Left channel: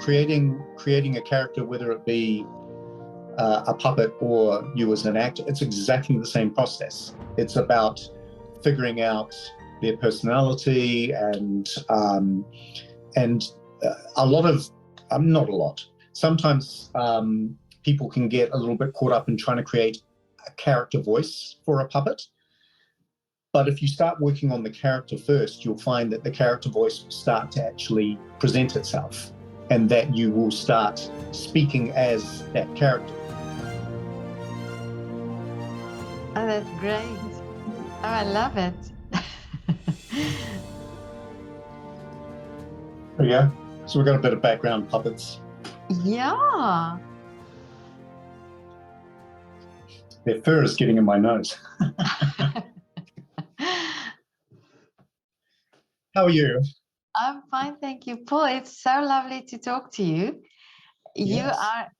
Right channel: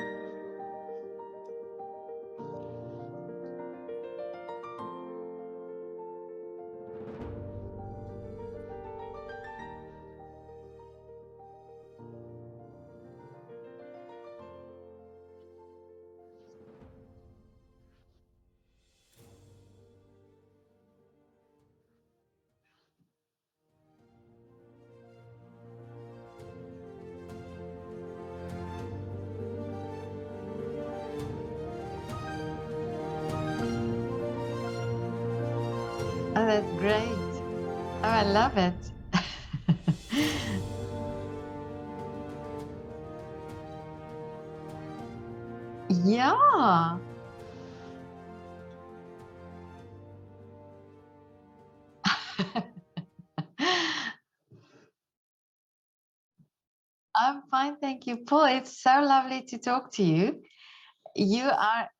creating a character, whether it be a puppet or you as an actor, it's exactly the same process. It's about figuring out their personality and a lot of, not a lot. Sometimes people can get a little bit caught up in trying to create a character voice for a puppet. But if you start working on the character first, you'll find that the character voice will start to actually present itself, and that you will start speaking as that character. Oh, that's great. Oh, I love it. There we go. So we've got a bit of background puppets. Yeah. Their fur is getting in my nose. How are you? I'm fine, thank you, Paul. It's so lovely to talk to you. You Yes. are,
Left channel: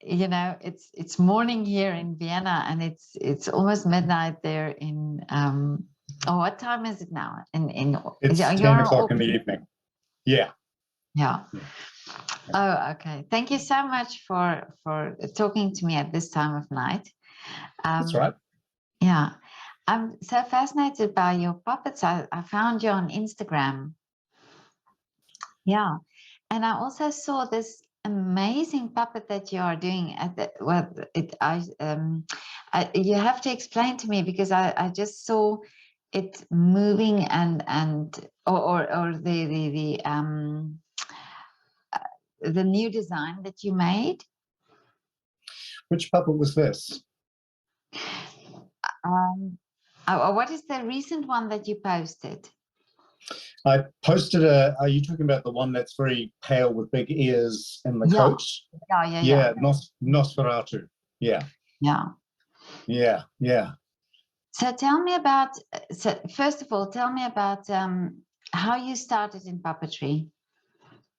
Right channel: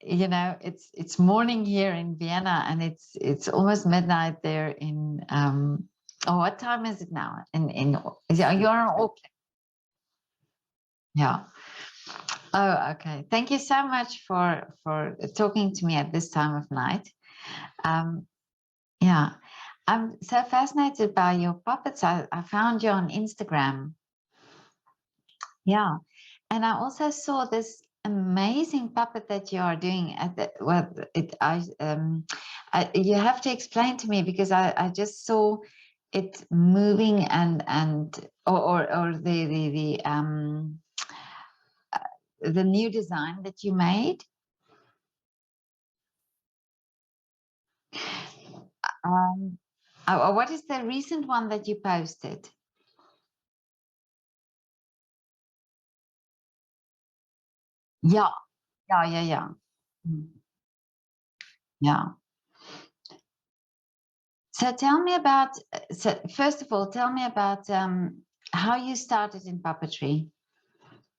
you know, it's morning here in Vienna, and it's almost midnight there in oh, what time is it now? It's 10 o'clock in the evening. Yeah. Yeah. Oh, okay. Thank you so much for talking to me at this time of night. That's right. Yeah. I'm so fascinated by your puppets. I found you on Instagram. Yeah. And I also saw this amazing puppet that you are doing at the, well, you have to explain to me, because I just saw it moving or the new design that you made. Which puppet was this? What is the recent one that you posted? I posted are you talking about the one that's very pale with big ears and the coat? Yeah. Nosferatu. Yeah. So tell me about, first of all, tell me about how you started in puppetry.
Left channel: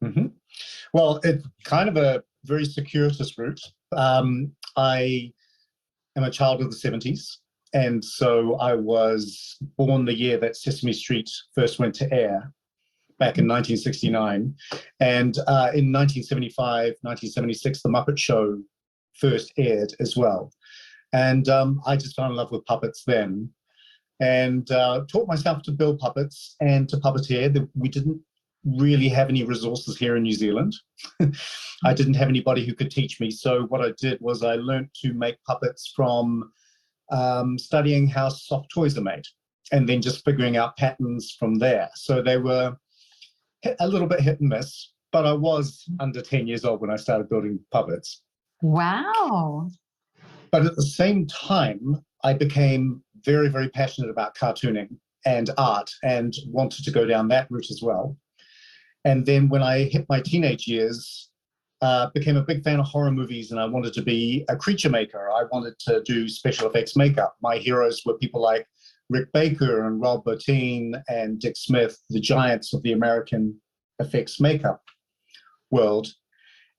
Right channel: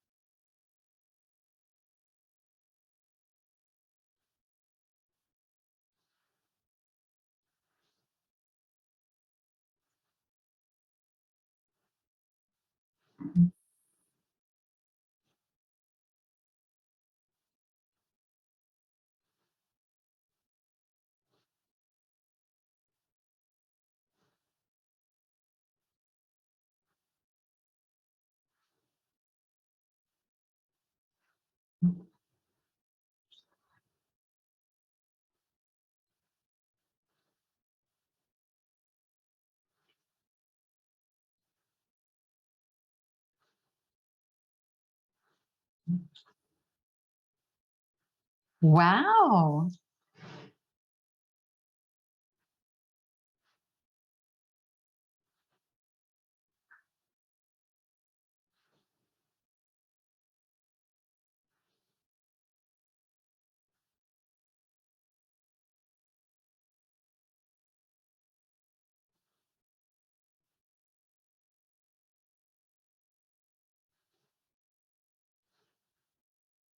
Mm-hmm. Well, it's kind of a very circuitous route. I am a child of the 70s. And so I was born the year that Sesame Street first went to air, back in 1969. And in 1975, 1976, The Muppet Show first aired as well. And I just fell in love with puppets then, and taught myself to build puppets and to puppeteer. We didn't really have any resources here in New Zealand. I didn't have anybody who could teach me. So what I did was I learned to make puppets from studying how soft toys are made, and then just figuring out patterns from there. So they were a little bit hit and miss, but I was under 10 years old when I started building puppets. Wow. But at the same time, I became very, very passionate about cartooning and art, and wanted to go down that route as well. And then when I hit my teenage years, became a big fan of horror movies, and I wanted to be a creature maker. I wanted to do special effects makeup. My heroes were people like Rick Baker and Rob Bottin and Dick Smith, the giants of the American effects makeup world.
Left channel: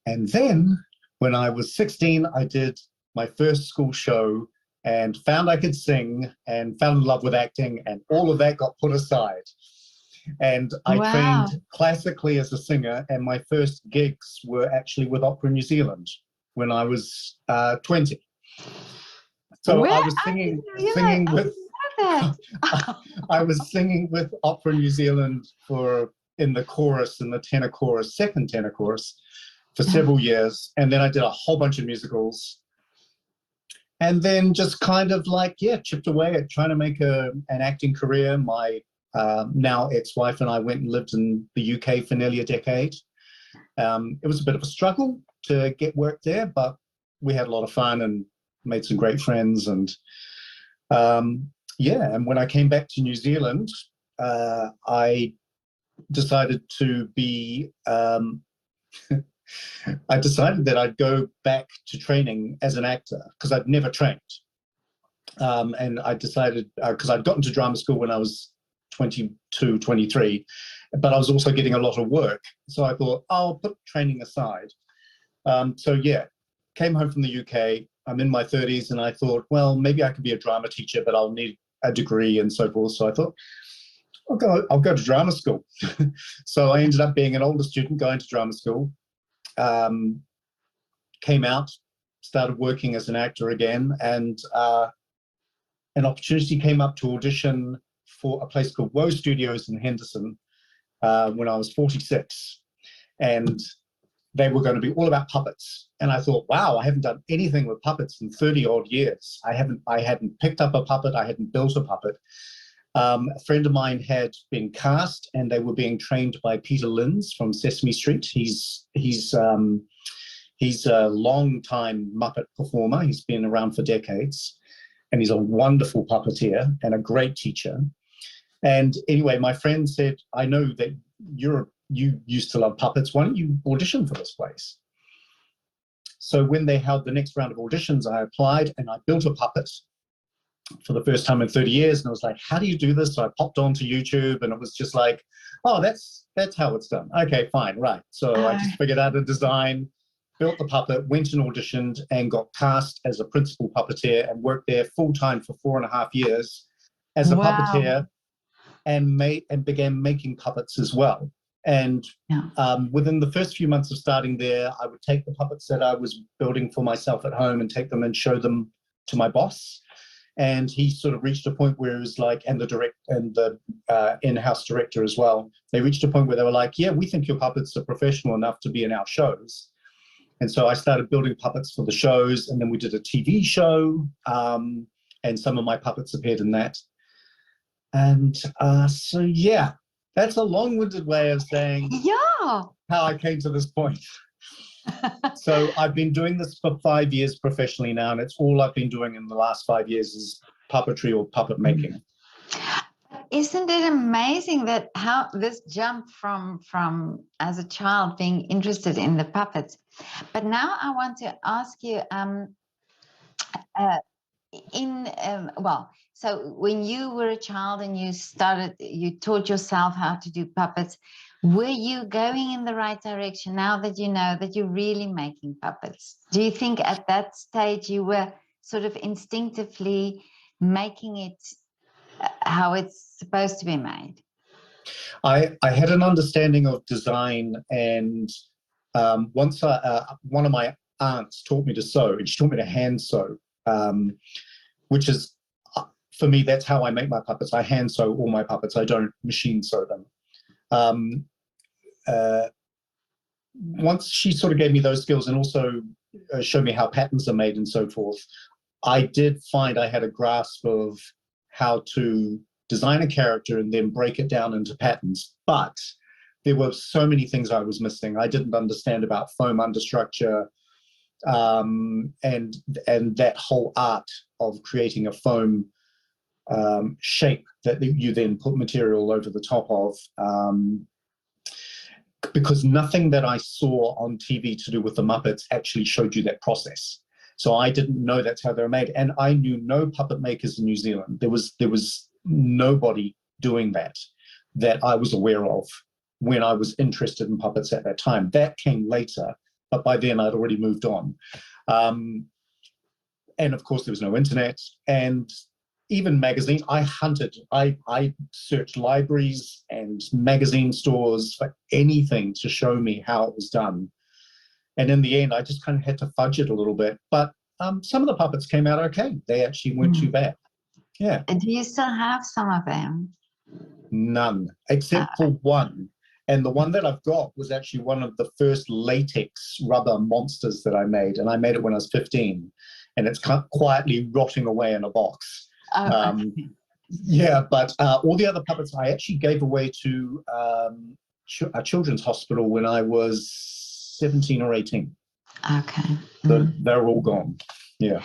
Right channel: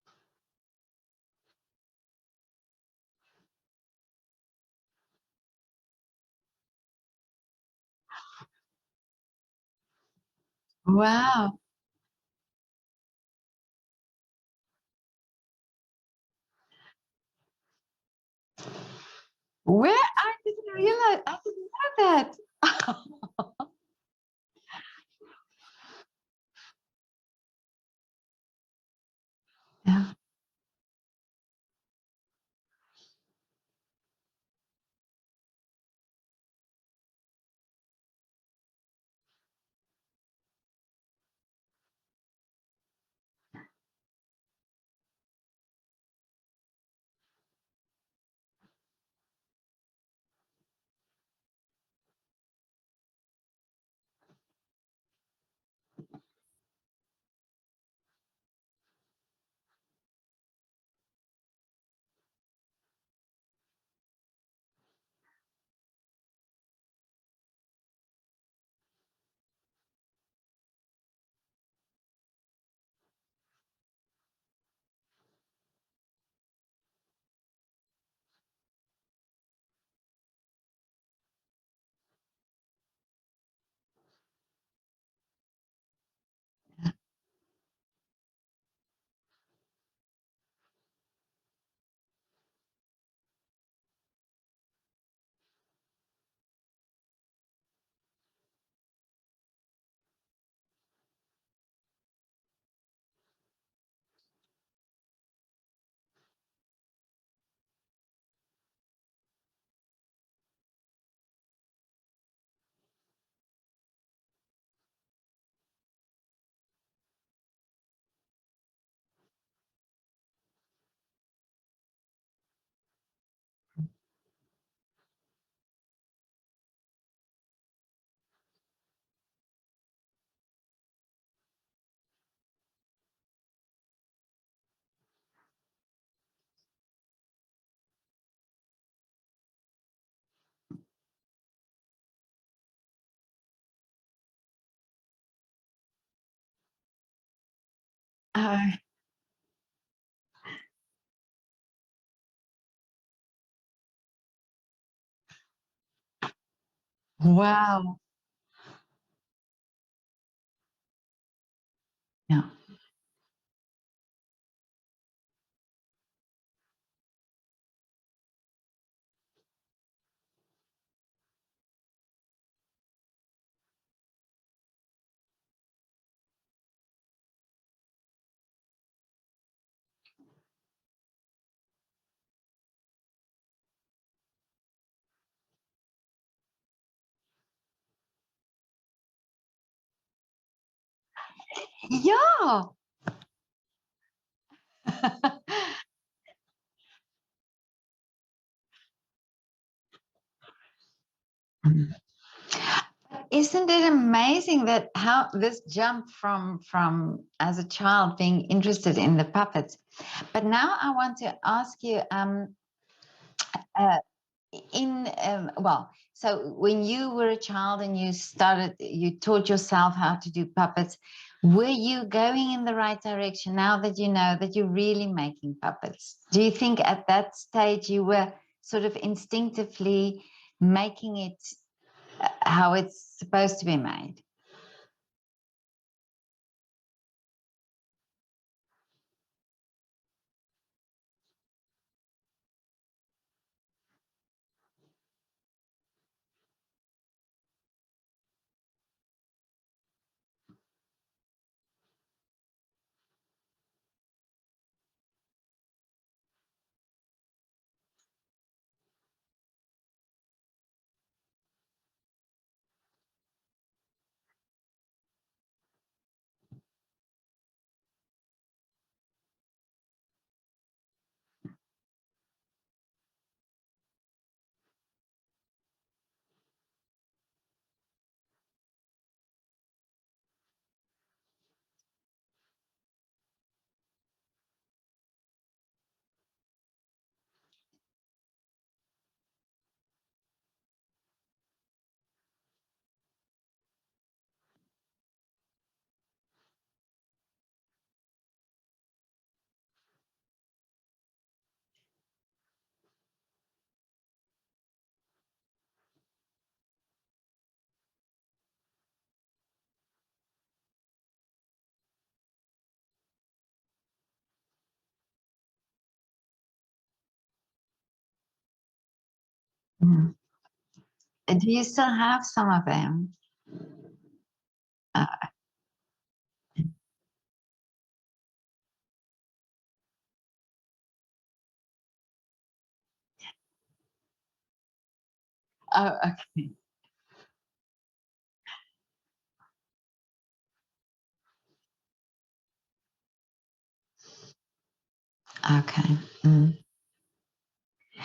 And then when I was 16, I did my first school show and found I could sing and fell in love with acting, and all of that got put aside. And I trained classically as a singer, and my first gigs were actually with Opera New Zealand when I was 20. So I was singing with I was singing with Opera New Zealand in the chorus, in the tenor chorus, second tenor chorus, for several years, and then I did a whole bunch of musicals, and then just kind of chipped away at trying to make an acting career. My now ex-wife and I went and lived in the UK for nearly a decade. It was a bit of a struggle to get work there, but we had a lot of fun and made some great friends. And and when I came back to New Zealand, I decided to be I decided that I'd go back to training as an actor, because I'd never trained. And I decided, because I'd gotten to drama school when I was 22, 23, but I was also getting a lot of work. So I thought, I'll put training aside. Came home from the UK. I'm in my 30s, and I thought, well, maybe I could be a drama teacher, but I'll need a degree and so forth. So I thought, I'll go to drama school. So I ended up being an older student going to drama school. came out, started working as an actor again, and an opportunity came up to audition for a place called Woe Studios in Henderson when I was 46. And they were going to be all about puppets. And I thought, wow, I haven't done anything with puppets in 30 odd years. I hadn't picked up a puppet. I hadn't built a puppet. A friend of mine had been cast, and they were being trained by Peter Linz from Sesame Street. He's a long-time Muppet performer. He's been around for decades, and he's a wonderful puppeteer and a great teacher. And anyway, my friend said, I know that you used to love puppets. Why don't you audition for this place? So when they held the next round of auditions, I applied and I built a puppet for the first time in 30 years. And I was like, how do you do this? So I popped onto YouTube, and it was just like, oh, that's how it's done. Okay, fine, right. So I just figured out a design, built the puppet, went and auditioned, and got cast as a principal puppeteer, and worked there full time for 4.5 years as a puppeteer, and began making puppets as well. And within the first few months of starting there, I would take the puppets that I was building for myself at home and take them and show them to my boss. And he sort of reached a point where it was like, and the in-house director as well, they reached a point where they were like, yeah, we think your puppets are professional enough to be in our shows. And so I started building puppets for the shows, and then we did a TV show, and some of my puppets appeared in that. And so, yeah, that's a long-winded way of saying how I came to this point. So I've been doing this for 5 years professionally now, and it's all I've been doing in the last 5 years is puppetry or puppet making. Isn't it amazing that how this jump from as a child being interested in the puppets? But now I want to ask you, so when you were a child and you taught yourself how to do puppets, were you going in the right direction now that you know that you're really making puppets? Do you think at that stage you were sort of instinctively making it how it's supposed to be made? I had an understanding of design, and once one of my aunts taught me to sew, and she taught me to hand sew, which is, for me, that's how I make my puppets. I hand sew all my puppets. I don't machine sew them. Once she sort of gave me those skills and also showed me how patterns are made and so forth, I did find I had a grasp of how to design a character and then break it down into patterns. But there were so many things I was missing. I didn't understand about foam understructure, and that whole art of creating a foam shape that you then put material over the top of, because nothing that I saw on TV to do with the Muppets actually showed you that process. So I didn't know that's how they're made, and I knew no puppet makers in New Zealand. There was nobody doing that I was aware of when I was interested in puppets at that time. That came later, but by then I'd already moved on. And of course there was no internet, and even magazines. I hunted, I searched libraries and magazine stores for anything to show me how it was done. And in the end, I just kind of had to fudge it a little bit. But some of the puppets came out okay. They actually weren't too bad. Yeah. Do you still have some of them? None, except for one. And the one that I've got was actually one of the first latex rubber monsters that I made. And I made it when I was 15. And it's kind of quietly rotting away in a box. Yeah, but all the other puppets I actually gave away to a children's hospital when I was 17 or 18. Okay. So they're all gone. Yeah.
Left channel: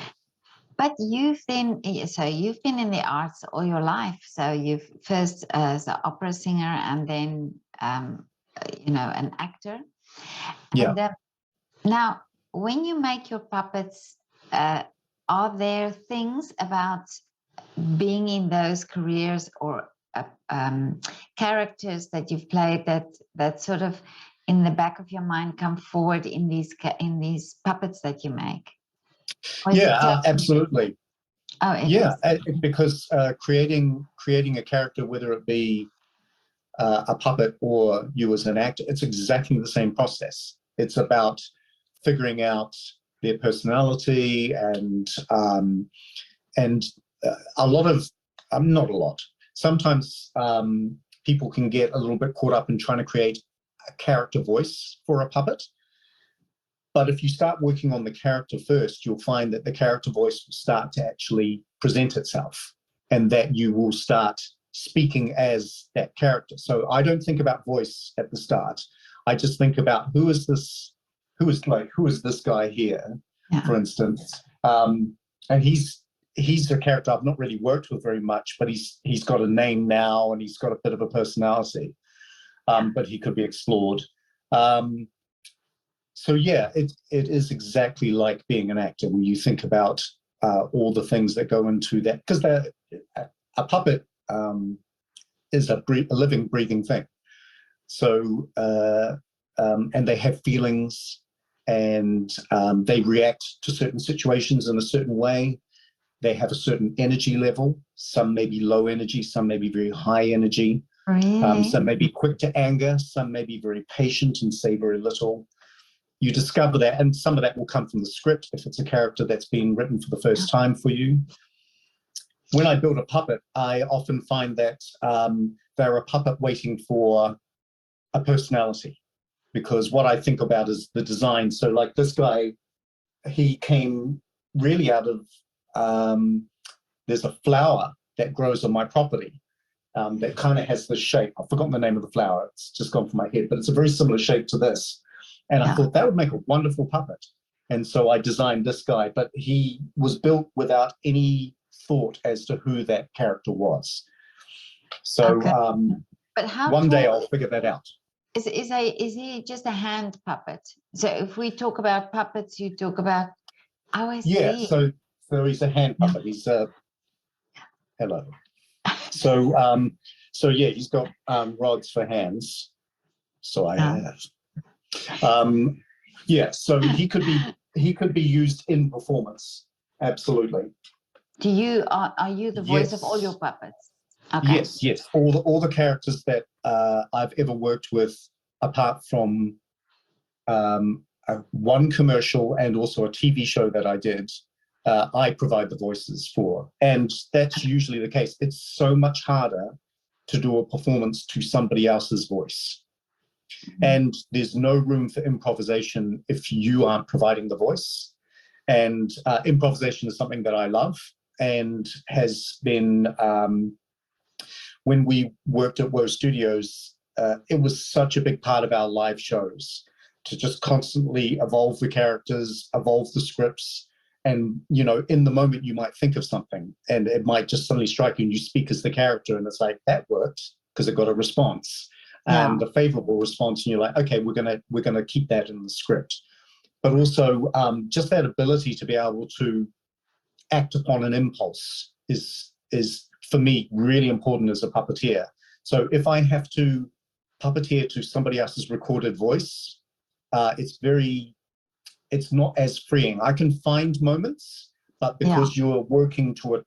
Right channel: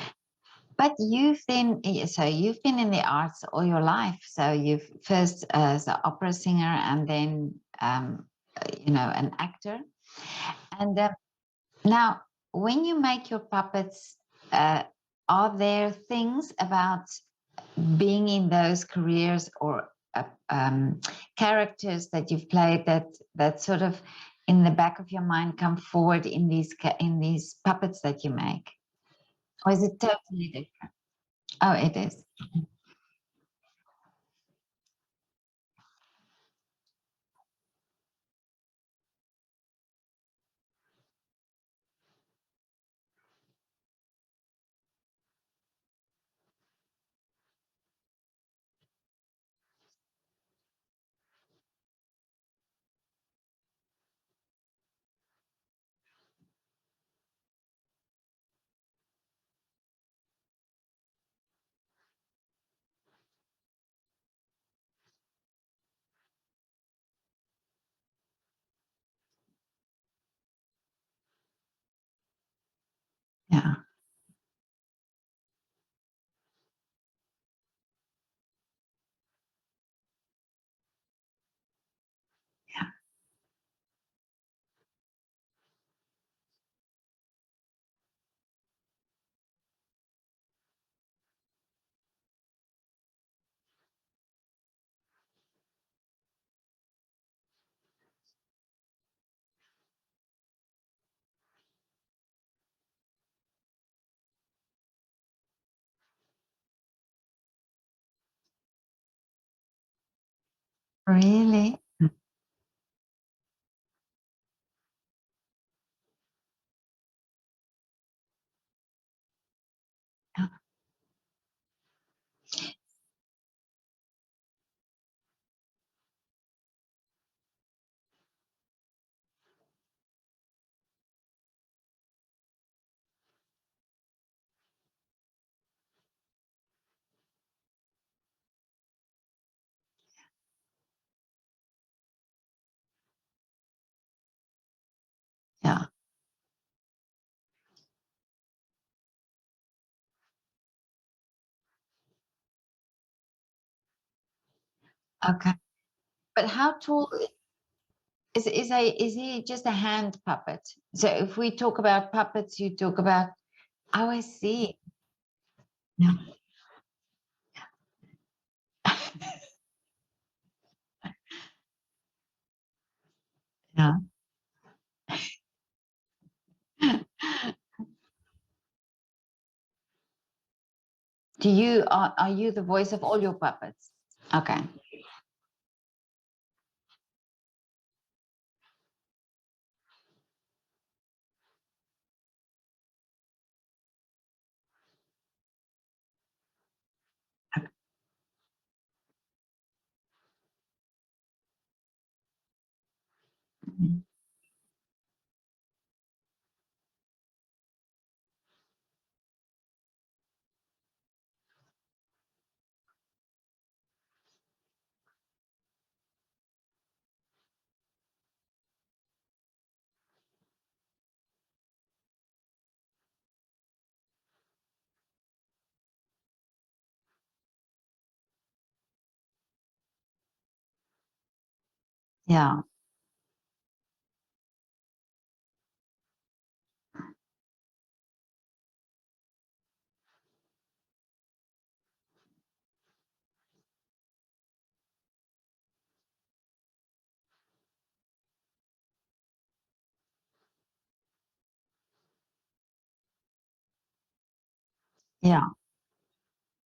But you've been in the arts all your life. So you've first as an opera singer, and then an actor. And now, when you make your puppets, are there things about being in those careers or characters that you've played that sort of in the back of your mind come forward in these puppets that you make? Absolutely. Oh, it is. Because creating a character, whether it be a puppet or you as an actor, it's exactly the same process. It's about figuring out their personality and a lot of, not a lot, sometimes people can get a little bit caught up in trying to create a character voice for a puppet. But if you start working on the character first, you'll find that the character voice will start to actually present itself, and that you will start speaking as that character. So I don't think about voice at the start. I just think about who is this guy here, for instance. And he's a character I've not really worked with very much, but he's got a name now and he's got a bit of a personality, but he could be explored. So yeah, it is exactly like being an actor when you think about all the things that go into that, because a puppet is a living, breathing thing. So and they have feelings, and they react to certain situations in a certain way. They have a certain energy level. Some may be low energy, some may be very high energy. Really? Some may be quick to anger, some may be very patient and say very little. You discover that, and some of that will come from the script if it's a character that's been written for the first time for you. When I build a puppet, I often find that they're a puppet waiting for a personality, because what I think about is the design. So like this guy, he came really out of, there's a flower that grows on my property that kind of has this shape. I've forgotten the name of the flower. It's just gone from my head, but it's a very similar shape to this. And I thought that would make a wonderful puppet. And so I designed this guy, but he was built without any thought as to who that character was. So but how one day I'll figure that out. Is he just a hand puppet? So if we talk about puppets, you talk about, oh, I see. Yeah, so he's a hand puppet. He's hello. So yeah, he's got rods for hands. So I have. Yeah, so he could be used in performance. Absolutely. Are you the voice of all your puppets? Okay. Yes. All the characters that I've ever worked with, apart from one commercial and also a TV show that I did, I provide the voices for. And that's usually the case. It's so much harder to do a performance to somebody else's voice. And there's no room for improvisation if you aren't providing the voice. And improvisation is something that I love, and has been, when we worked at Woe Studios, it was such a big part of our live shows to just constantly evolve the characters, evolve the scripts. And, you know, in the moment you might think of something and it might just suddenly strike you and you speak as the character, and it's like, that worked because it got a response. And a favorable response, and you're like, okay, we're gonna keep that in the script. But also just that ability to be able to act upon an impulse is for me really important as a puppeteer. So if I have to puppeteer to somebody else's recorded voice, it's not as freeing. I can find moments, but because you're working to a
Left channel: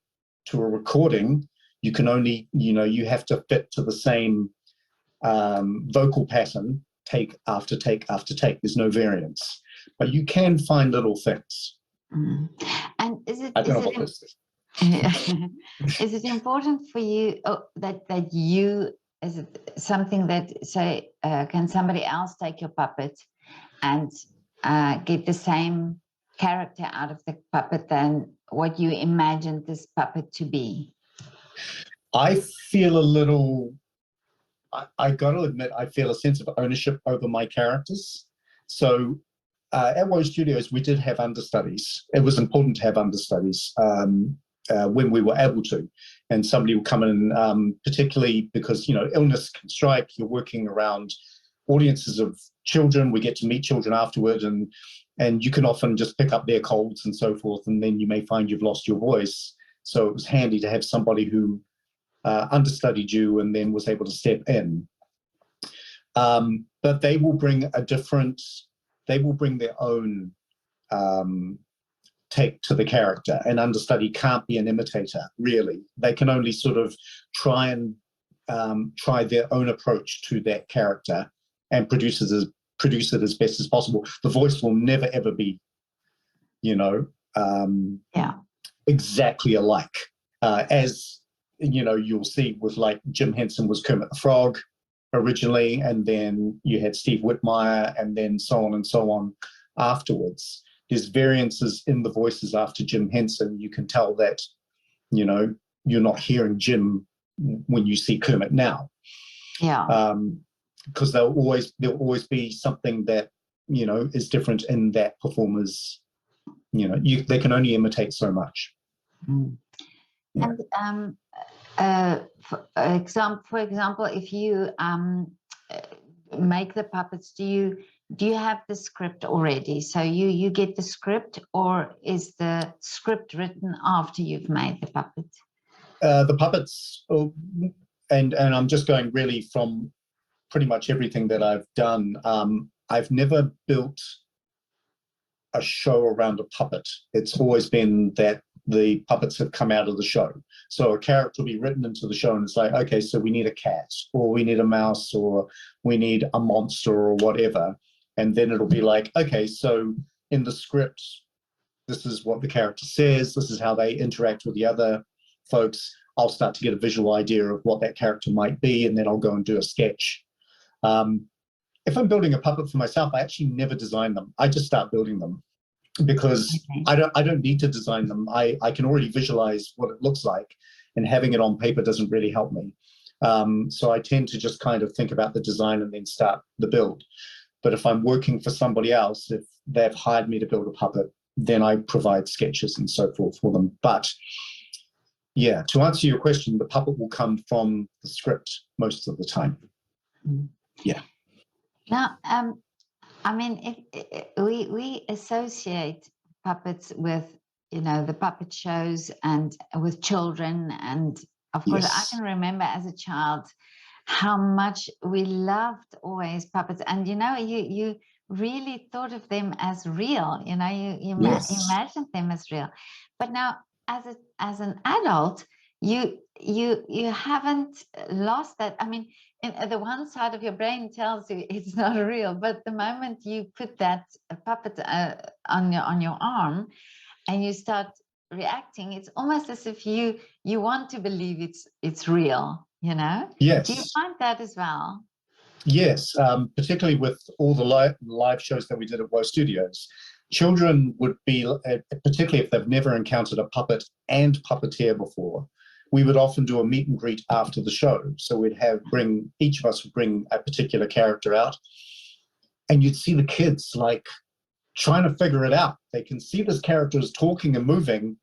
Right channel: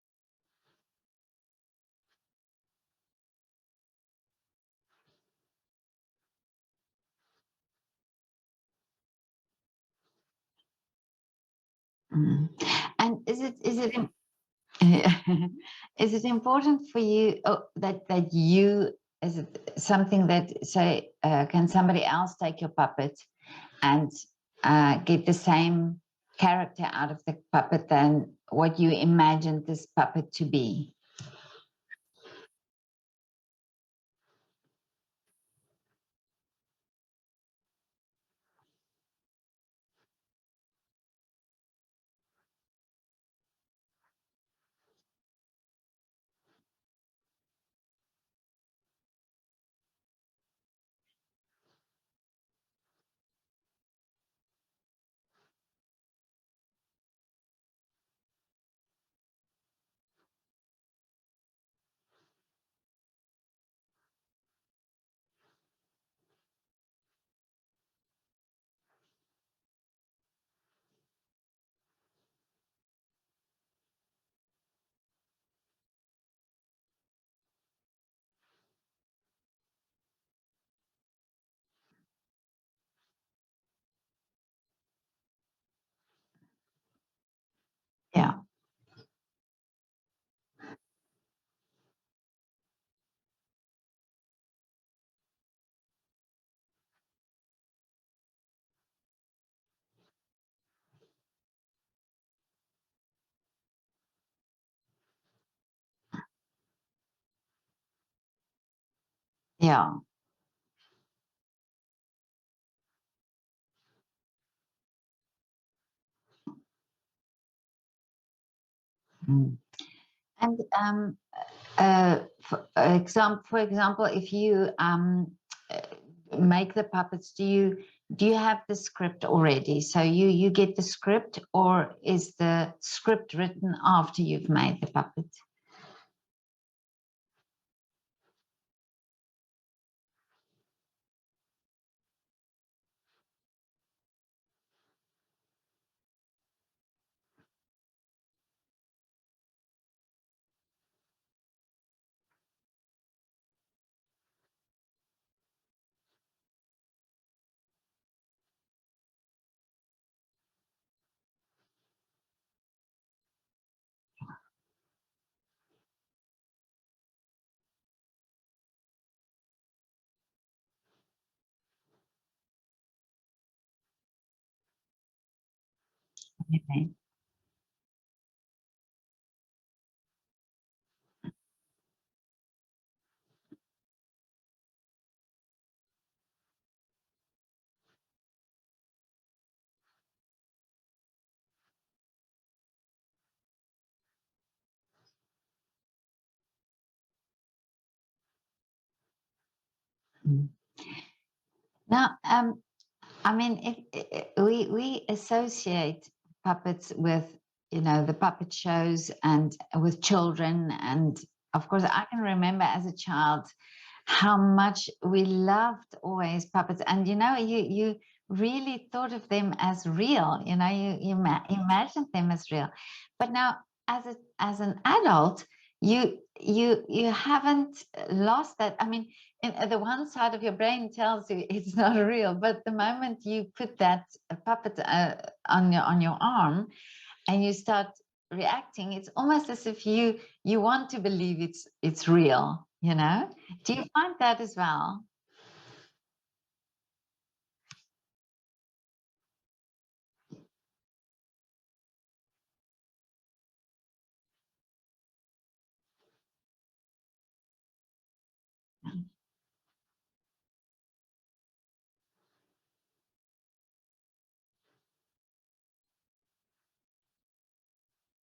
recording, you can only, you have to fit to the same vocal pattern, take after take after take. There's no variance, but you can find little things. And is it important for you that you, is it something that, say, can somebody else take your puppet and get the same character out of the puppet than what you imagined this puppet to be? I feel a little, I got to admit, I feel a sense of ownership over my characters. So at Woe Studios, we did have understudies. It was important to have understudies when we were able to. And somebody would come in, particularly because, illness can strike. You're working around audiences of children. We get to meet children afterward, and you can often just pick up their colds and so forth, and then you may find you've lost your voice. So it was handy to have somebody who understudied you and then was able to step in. But they will bring their own take to the character. An understudy can't be an imitator, really. They can only sort of try their own approach to that character and produce it produce it as best as possible. The voice will never ever be, you know, exactly alike. As you know, you'll see with like Jim Henson was Kermit the Frog originally, and then you had Steve Whitmire, and then so on and so on afterwards. There's variances in the voices after Jim Henson. You can tell that, you know, you're not hearing Jim when you see Kermit now. Yeah. Because there'll always be something that, you know, is different in that performer's, you know, they can only imitate so much. Mm. Yeah. And for example, if you make the puppets, do you have the script already? So you get the script, or is the script written after you've made the puppet? The puppets, and I'm just going really from pretty much everything that I've done. I've never built a show around a puppet. It's always been that the puppets have come out of the show. So a character will be written into the show, and it's like, okay, so we need a cat, or we need a mouse, or we need a monster, or whatever. And then it'll be like, okay, so in the script, this is what the character says, this is how they interact with the other folks. I'll start to get a visual idea of what that character might be, and then I'll go and do a sketch. If I'm building a puppet for myself, I actually never design them. I just start building them, because I don't need to design them. I can already visualize what it looks like, and having it on paper doesn't really help me. So I tend to just kind of think about the design and then start the build. But if I'm working for somebody else, if they've hired me to build a puppet, then I provide sketches and so forth for them. But yeah, to answer your question, the puppet will come from the script most of the time. Yeah. Now, I mean, we associate puppets with, you know, the puppet shows and with children. And of course, I can remember as a child how much we loved always puppets. And, you know, you really thought of them as real, you know, you imagined them as real. But now, as an adult, you haven't lost that. I mean, the one side of your brain tells you it's not real, but the moment you put that puppet on your arm and you start reacting, it's almost as if you want to believe it's real, you know? Yes. Do you find that as well? Yes, particularly with all the live shows that we did at Woe Studios. Children would be, particularly if they've never encountered a puppet and puppeteer before, we would often do a meet and greet after the show. So we'd each of us would bring a particular character out, and you'd see the kids like trying to figure it out. They can see this character is talking and moving,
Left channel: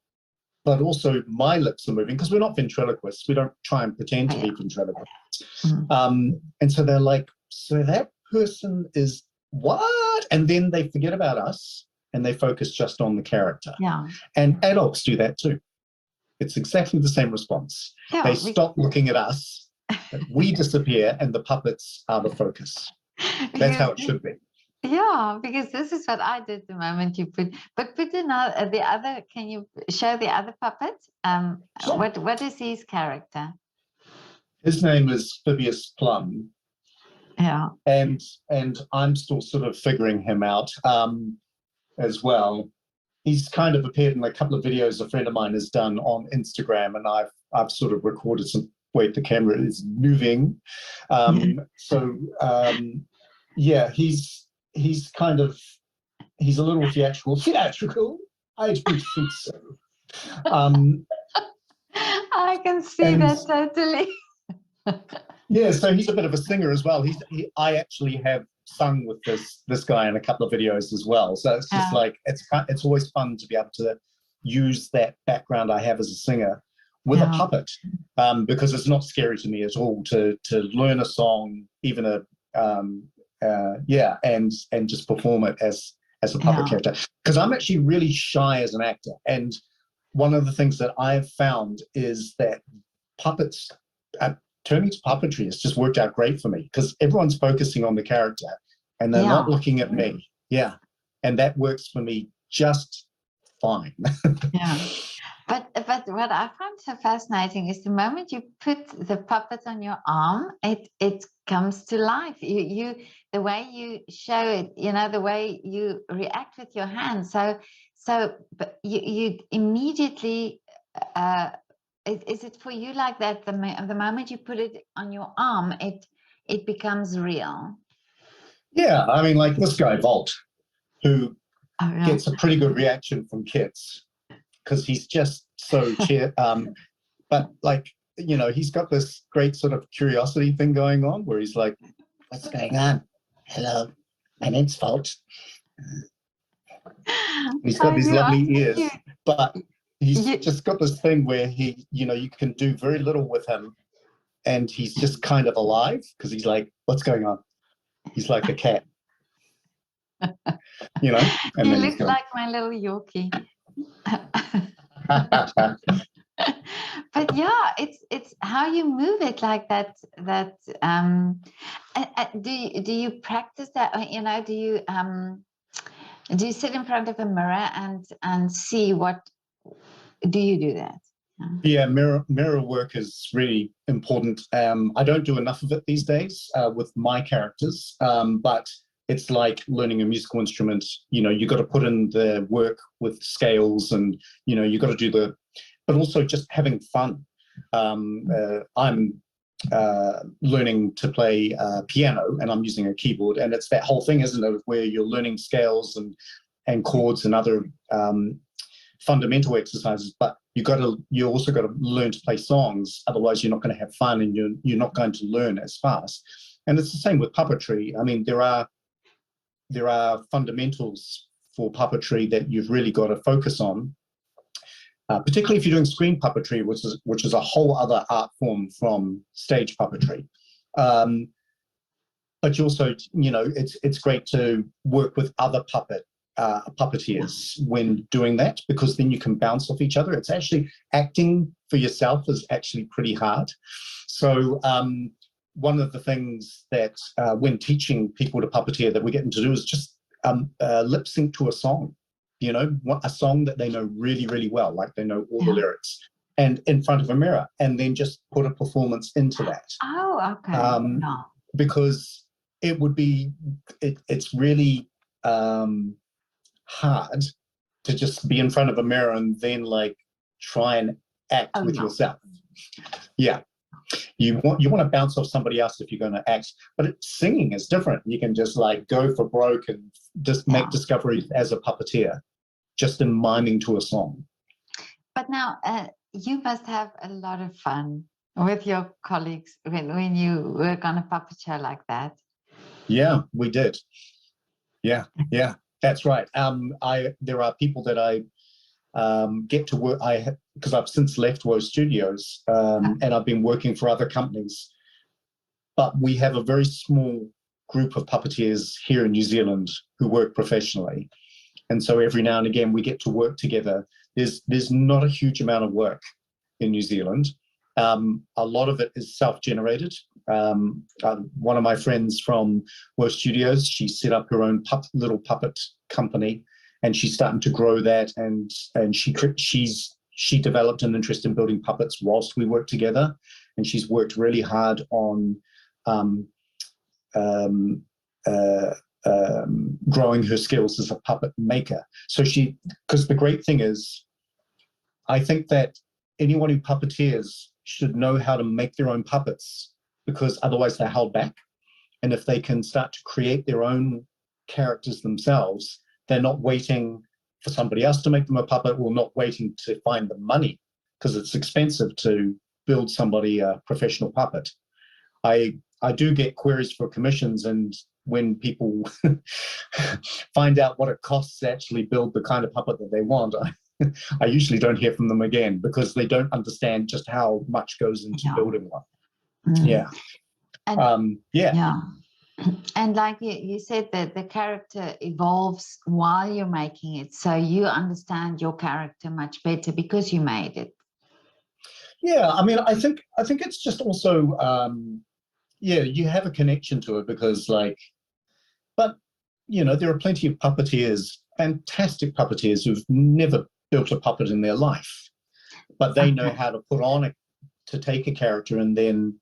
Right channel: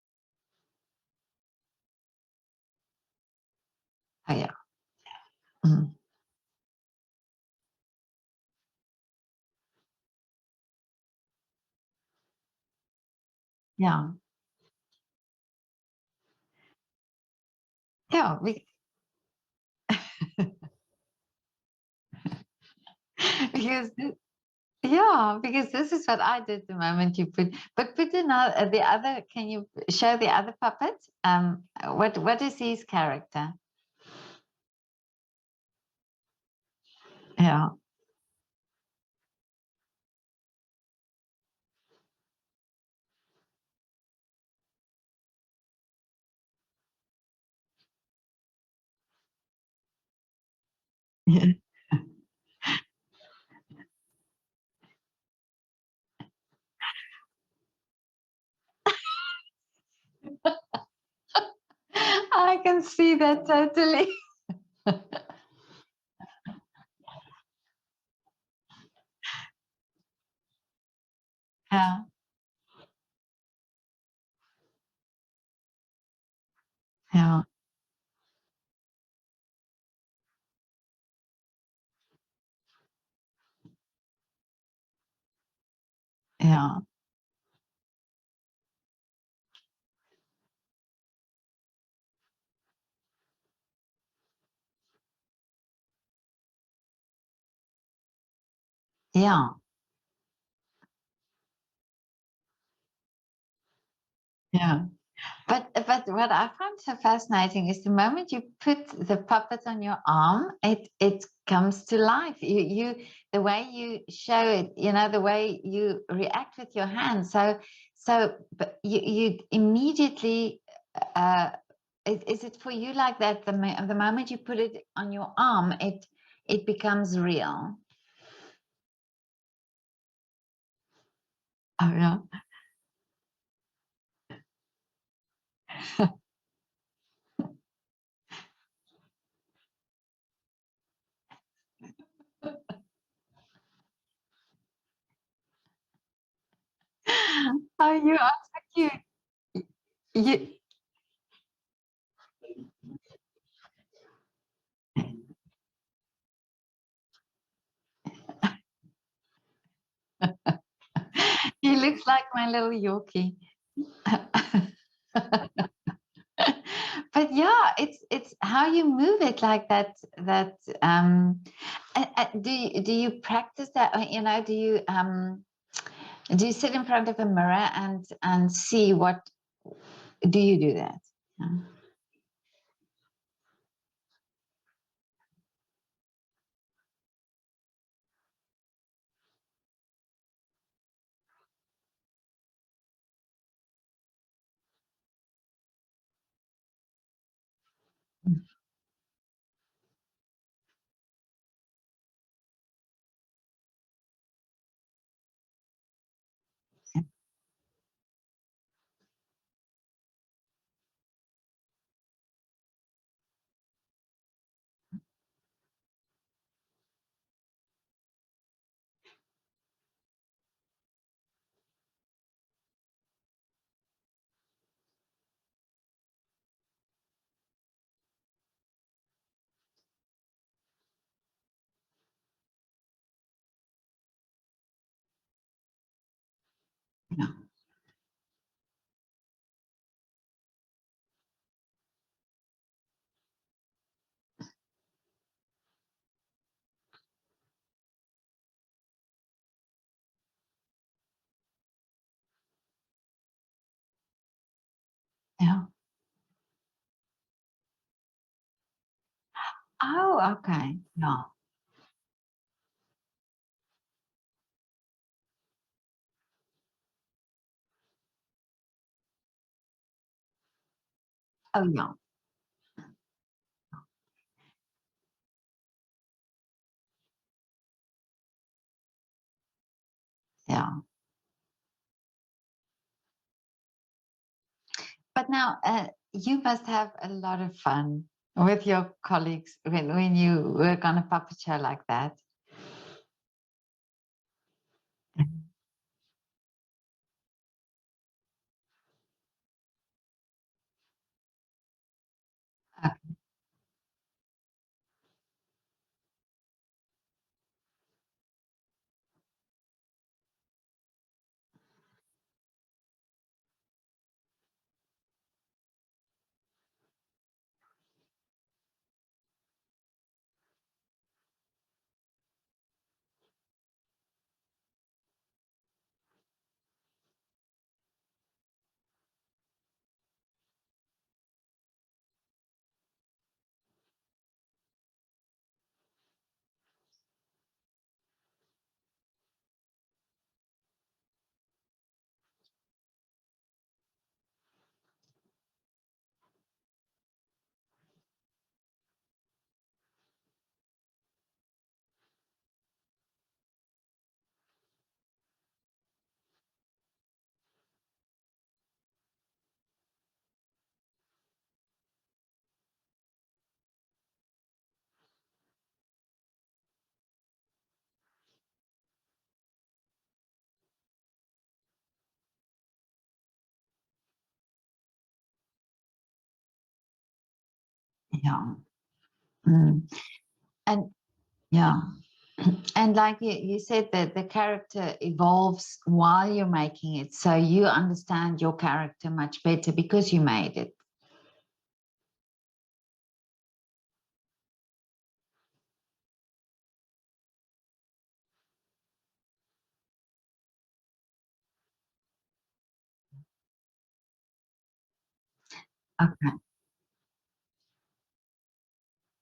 but also my lips are moving, because we're not ventriloquists. We don't try and pretend to be ventriloquists. And so they're like, so that person is what? And then they forget about us and they focus just on the character. Yeah. And adults do that too. It's exactly the same response. Yeah, they stop looking at us, we disappear, and the puppets are the focus. That's how it should be. Yeah, because this is what I did the moment you put another, the other. Can you show the other puppet? What is his character? His name is Phibius Plum. Yeah. And I'm still sort of figuring him out as well. He's kind of appeared in a couple of videos a friend of mine has done on Instagram, and I've sort of recorded some. Wait, the camera is moving. Yeah, he's a little theatrical. I don't think so. I can see that totally. Yeah, so he's a bit of a singer as well. I actually have sung with this guy in a couple of videos as well. So it's just like it's always fun to be able to use that background I have as a singer with a puppet, because it's not scary to me at all to learn a song, even and just perform it as a puppet character. Because I'm actually really shy as an actor, and one of the things that I've found is that puppets. Turning to puppetry has just worked out great for me, because everyone's focusing on the character and they're not looking at me. Yeah. And that works for me just fine. Yeah. But what I find so fascinating is the moment you put the puppet on your arm, it comes to life. The way you show it, the way you react with your hands. But you immediately. Is it for you like that? The moment you put it on your arm, it becomes real. Yeah, I mean, like this guy Volt, who gets a pretty good reaction from kids because he's just so but like, he's got this great sort of curiosity thing going on where he's like, what's going on? Hello, my name's Volt. He's got these lovely ears, but he's just got this thing where he, you can do very little with him and he's just kind of alive because he's like, what's going on? He's like a cat. You look like my little Yorkie. But yeah, it's how you move it like that. Do you practice that? Do you sit in front of a mirror and see what? Do you do that? Yeah, mirror work is really important. I don't do enough of it these days with my characters, but it's like learning a musical instrument. You got to put in the work with scales, and you got to do but also just having fun. I'm learning to play piano, and I'm using a keyboard, and it's that whole thing, isn't it, where you're learning scales and chords and other fundamental exercises, but you also got to learn to play songs, otherwise you're not going to have fun and you're not going to learn as fast. And it's the same with puppetry. I mean, there are fundamentals for puppetry that you've really got to focus on, particularly if you're doing screen puppetry, which is a whole other art form from stage puppetry. But you also, it's great to work with other puppeteers when doing that, because then you can bounce off each other. It's actually, acting for yourself is actually pretty hard. So one of the things that when teaching people to puppeteer that we get them to do is just lip sync to a song, a song that they know really, really well, like they know all the lyrics, and in front of a mirror, and then just put a performance into that. Oh, okay. Because it would be, it's really hard to just be in front of a mirror and then like try and act with yourself. Yeah, you want to bounce off somebody else if you're going to act, but singing is different. You can just like go for broke and just make discoveries as a puppeteer, just in miming to a song. But now you must have a lot of fun with your colleagues when you work on a puppet show like that. Yeah, we did. Yeah, that's right. There are people that I get to work. Because I've since left Woe Studios, and I've been working for other companies. But we have a very small group of puppeteers here in New Zealand who work professionally, and so every now and again we get to work together. There's not a huge amount of work in New Zealand. A lot of it is self-generated. One of my friends from Woe Studios, she set up her own little puppet company, and she's starting to grow that. And she developed an interest in building puppets whilst we worked together, and she's worked really hard on growing her skills as a puppet maker. So because the great thing is, I think that anyone who puppeteers should know how to make their own puppets, because otherwise they're held back. And if they can start to create their own characters themselves, they're not waiting for somebody else to make them a puppet, or not waiting to find the money, because it's expensive to build somebody a professional puppet. I do get queries for commissions, and when people find out what it costs to actually build the kind of puppet that they want, I usually don't hear from them again, because they don't understand just how much goes into building one. Yeah. And, and like you said, that the character evolves while you're making it, so you understand your character much better because you made it. Yeah, I mean, I think it's just also you have a connection to it, because like, but there are plenty of puppeteers fantastic puppeteers who've never built a puppet in their life, but they know how to put on to take a character and then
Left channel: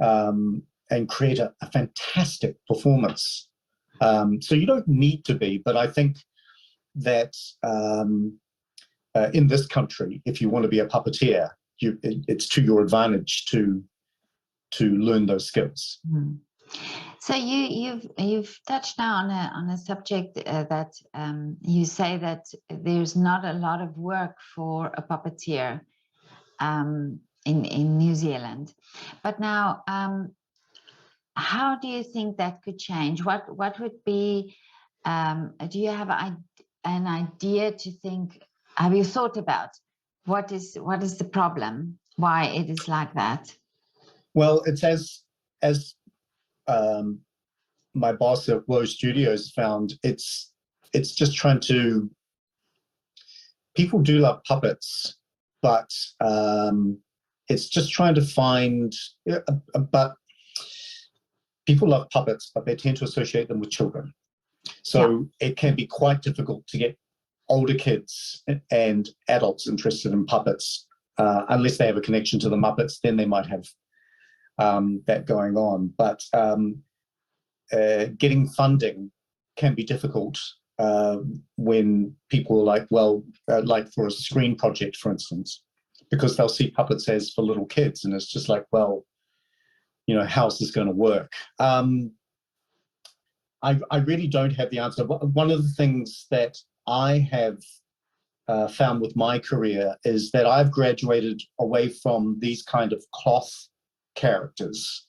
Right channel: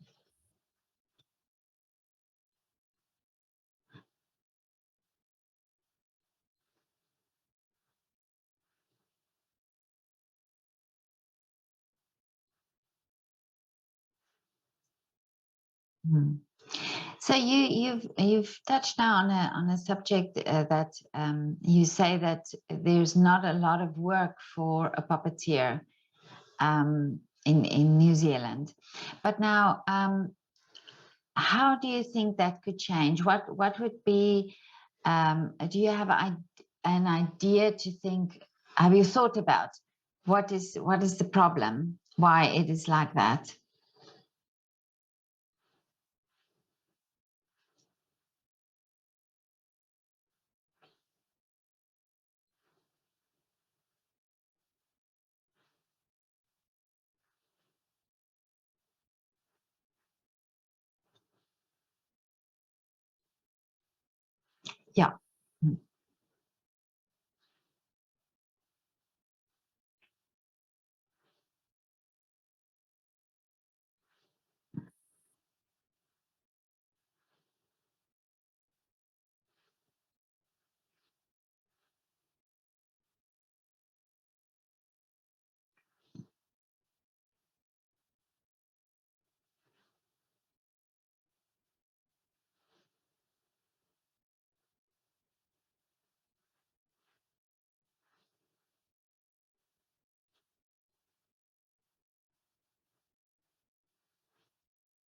and create a fantastic performance. So you don't need to be, but I think that in this country, if you want to be a puppeteer, it's to your advantage to learn those skills. So you've touched now on a subject that you say that there's not a lot of work for a puppeteer in New Zealand, but now how do you think that could change? What would be? Do you have an idea to think? Have you thought about what is the problem? Why it is like that? Well, it's as my boss at Woe Studios found, it's just trying to. People do love puppets, but it's just trying to find. But people love puppets, but they tend to associate them with children. So it can be quite difficult to get older kids and adults interested in puppets, unless they have a connection to the Muppets. Then they might have that going on. But getting funding can be difficult when people are like, well, like for a screen project, for instance, because they'll see puppets as for little kids, and it's just like, well, you know, how's this going to work? I really don't have the answer. One of the things that I have found with my career is that I've graduated away from these kind of cloth characters,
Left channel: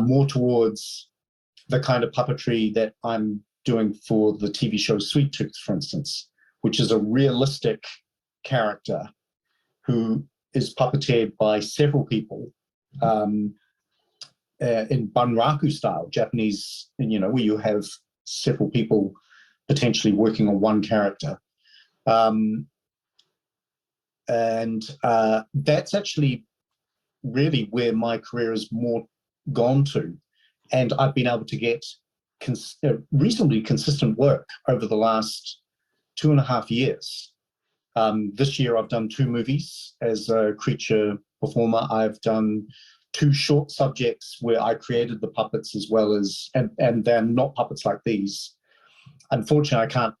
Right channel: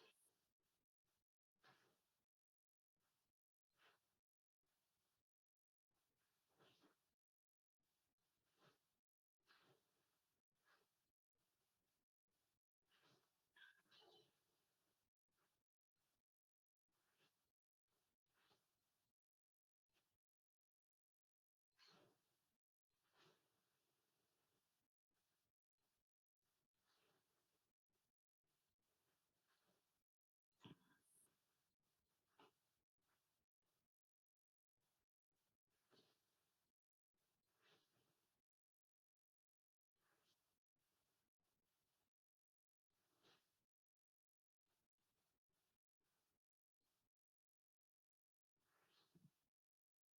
more towards the kind of puppetry that I'm doing for the TV show Sweet Tooth, for instance, which is a realistic character who is puppeteered by several people in bunraku style, Japanese, you know, where you have several people potentially working on one character. And that's actually really where my career has more gone to. And I've been able to get reasonably consistent work over the last 2.5 years. This year I've done 2 movies as a creature performer. I've done 2 short subjects where I created the puppets as well as, and they're not puppets like these. Unfortunately, I can't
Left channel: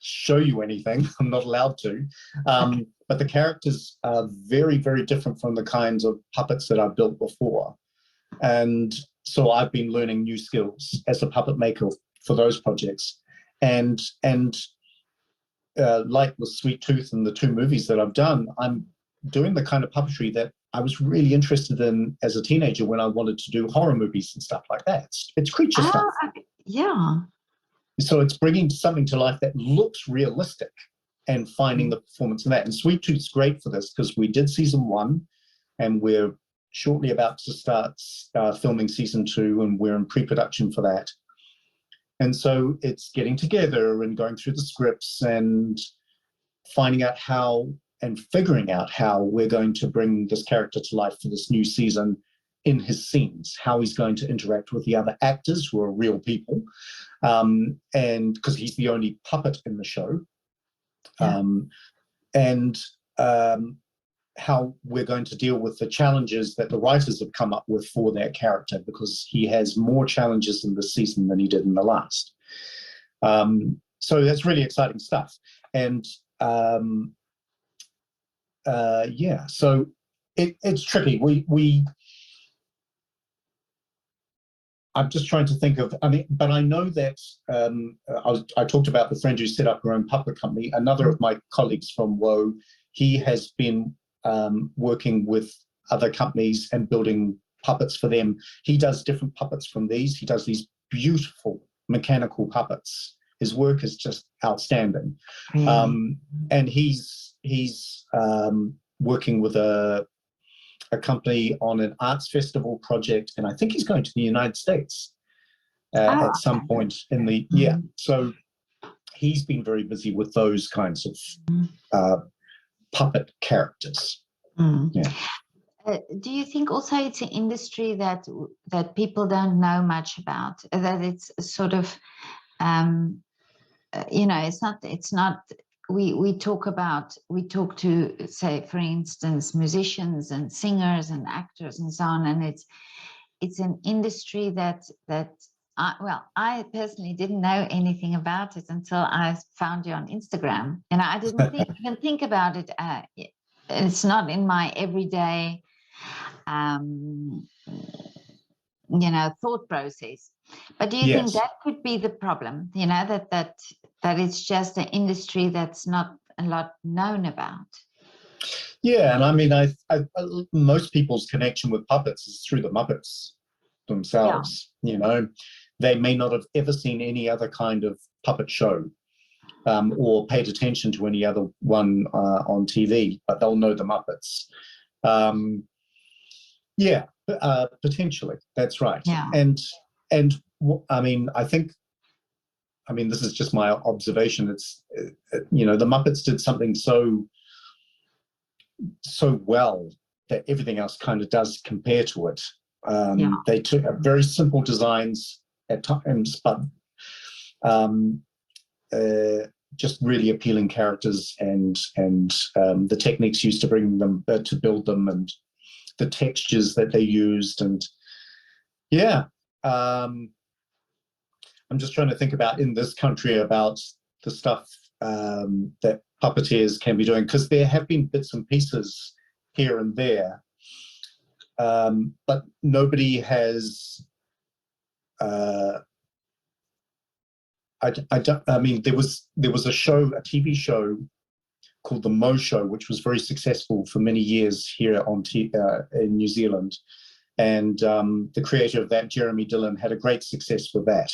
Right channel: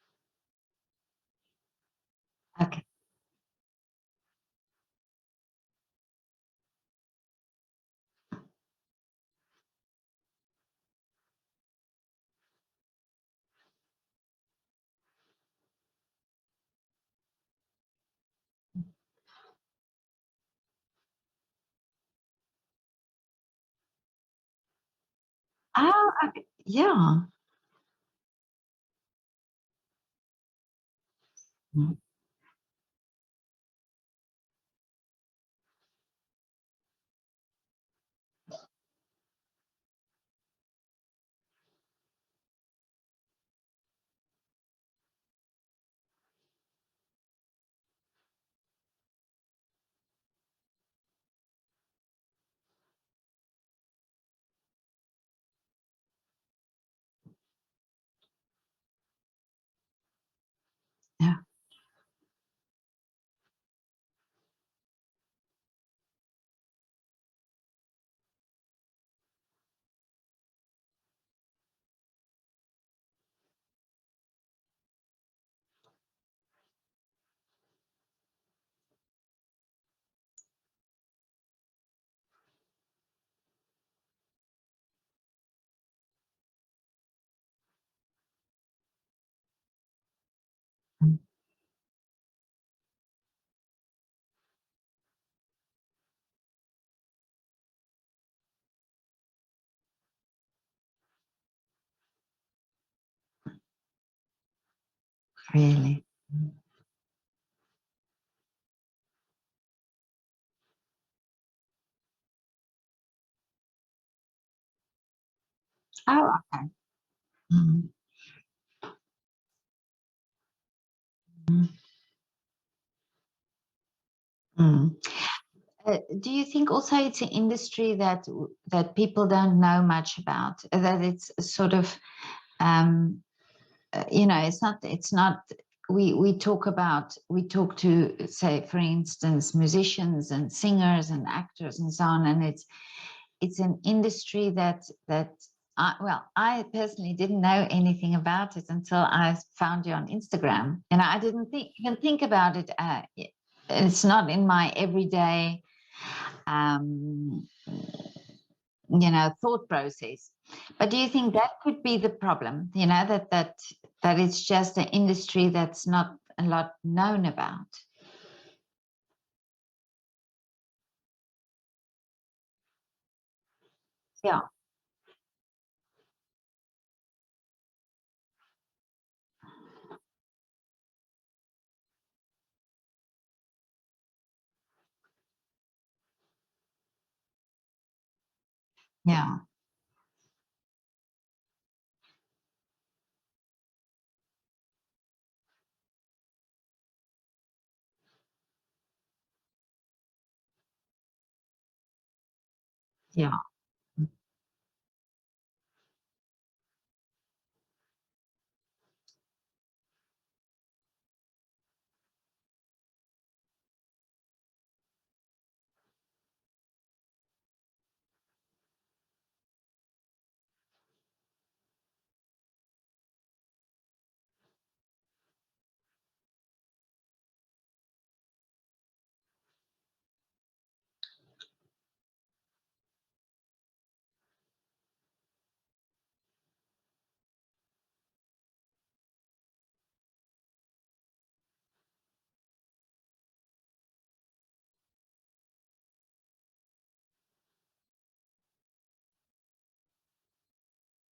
show you anything. I'm not allowed to. But the characters are very, very different from the kinds of puppets that I've built before. And so I've been learning new skills as a puppet maker for those projects. And like with Sweet Tooth and the 2 movies that I've done, I'm doing the kind of puppetry that I was really interested in as a teenager when I wanted to do horror movies and stuff like that. It's creature stuff. Yeah. So it's bringing something to life that looks realistic and finding the performance in that. And Sweet Tooth's great for this because we did season 1 and we're shortly about to start filming season 2, and we're in pre-production for that. And so it's getting together and going through the scripts and finding out how and figuring out how we're going to bring this character to life for this new season in his scenes, how he's going to interact with the other actors who are real people, and because he's the only puppet in the show, and how we're going to deal with the challenges that the writers have come up with for that character, because he has more challenges in this season than he did in the last. So that's really exciting stuff. And yeah, so it's tricky. I'm just trying to think of, I mean, but I know that I talked about the friend who set up her own puppet company. Another of my colleagues from Woe, he has been working with other companies and building puppets for them. He does different puppets from these. He does these beautiful mechanical puppets. His work is just outstanding. Really? And he's working with a company on an arts festival project, and I think he's going to the United States at some point in the year. So he's been very busy with those kinds of puppet characters. Yeah. Do you think also it's an industry that people don't know much about, that it's sort of you know, it's not, we talk to, say, for instance, musicians and singers and actors and so on, and it's an industry that I personally didn't know anything about it until I found you on Instagram, and I didn't even think about it. It's not in my everyday, you know, thought process. But do you think that could be the problem? You know, that it's just an industry that's not a lot known about. Yeah, and I mean, I most people's connection with puppets is through the Muppets themselves. You know, they may not have ever seen any other kind of puppet show, or paid attention to any other one on TV, but they'll know the Muppets. Yeah, potentially, that's right. Yeah. And I mean, I mean, this is just my observation. It's you know, the Muppets did something so well that everything else kind of does compare to it. They took very simple designs at times, but just really appealing characters, and the techniques used to bring them to build them, and the textures that they used, and yeah. I'm just trying to think about in this country about the stuff that puppeteers can be doing, because there have been bits and pieces here and there, but nobody has. I mean, there was a show, a TV show called The Mo Show, which was very successful for many years here in New Zealand, and the creator of that, Jeremy Dillon, had a great success with that.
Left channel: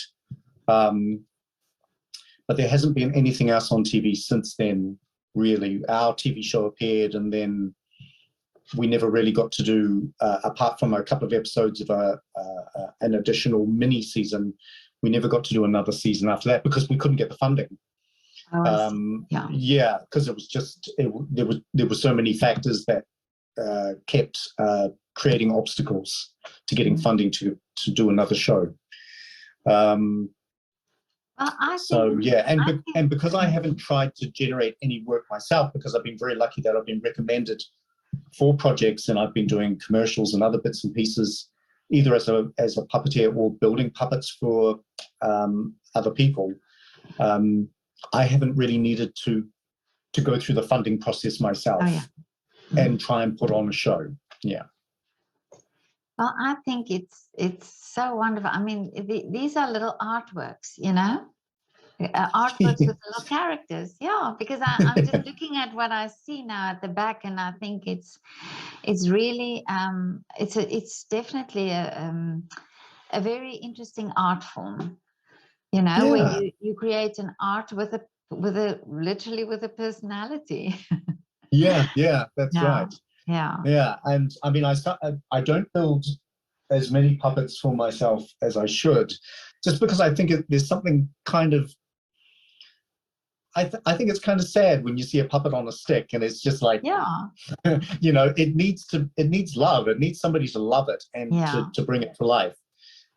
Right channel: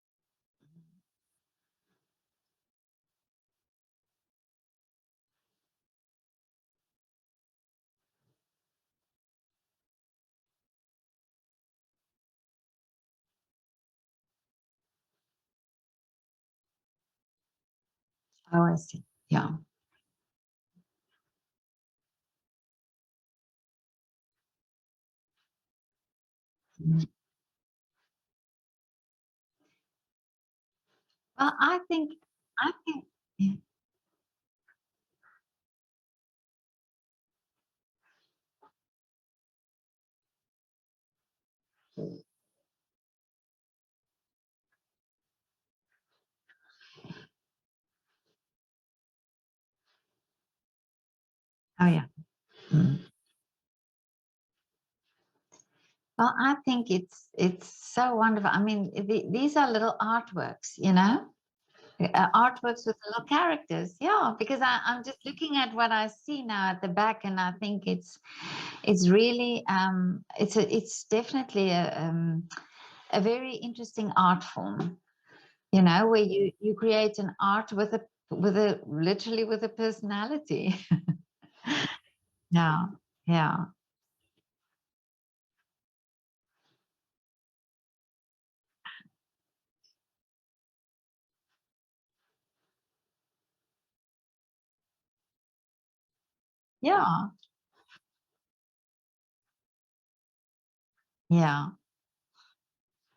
But there hasn't been anything else on TV since then, really. Our TV show appeared, and then we never really got to do, apart from a couple of episodes of an additional mini season, we never got to do another season after that because we couldn't get the funding. Yeah, because it was just, there were so many factors that kept creating obstacles to getting funding to do another show. And because I haven't tried to generate any work myself, because I've been very lucky that I've been recommended for projects, and I've been doing commercials and other bits and pieces, either as a puppeteer or building puppets for other people. I haven't really needed to go through the funding process myself and try and put on a show. Yeah. Well, I think it's so wonderful. I mean, these are little artworks, you know, artworks with little characters. Yeah, because I'm just looking at what I see now at the back, and I think it's really it's definitely a very interesting art form. You know, where you create an art with a literally with a personality. Yeah, that's right. Yeah. And I mean, I don't build as many puppets for myself as I should, just because I think there's something kind of, I think it's kind of sad when you see a puppet on a stick and it's just like, you know, it needs love. It needs somebody to love it and to bring it to life.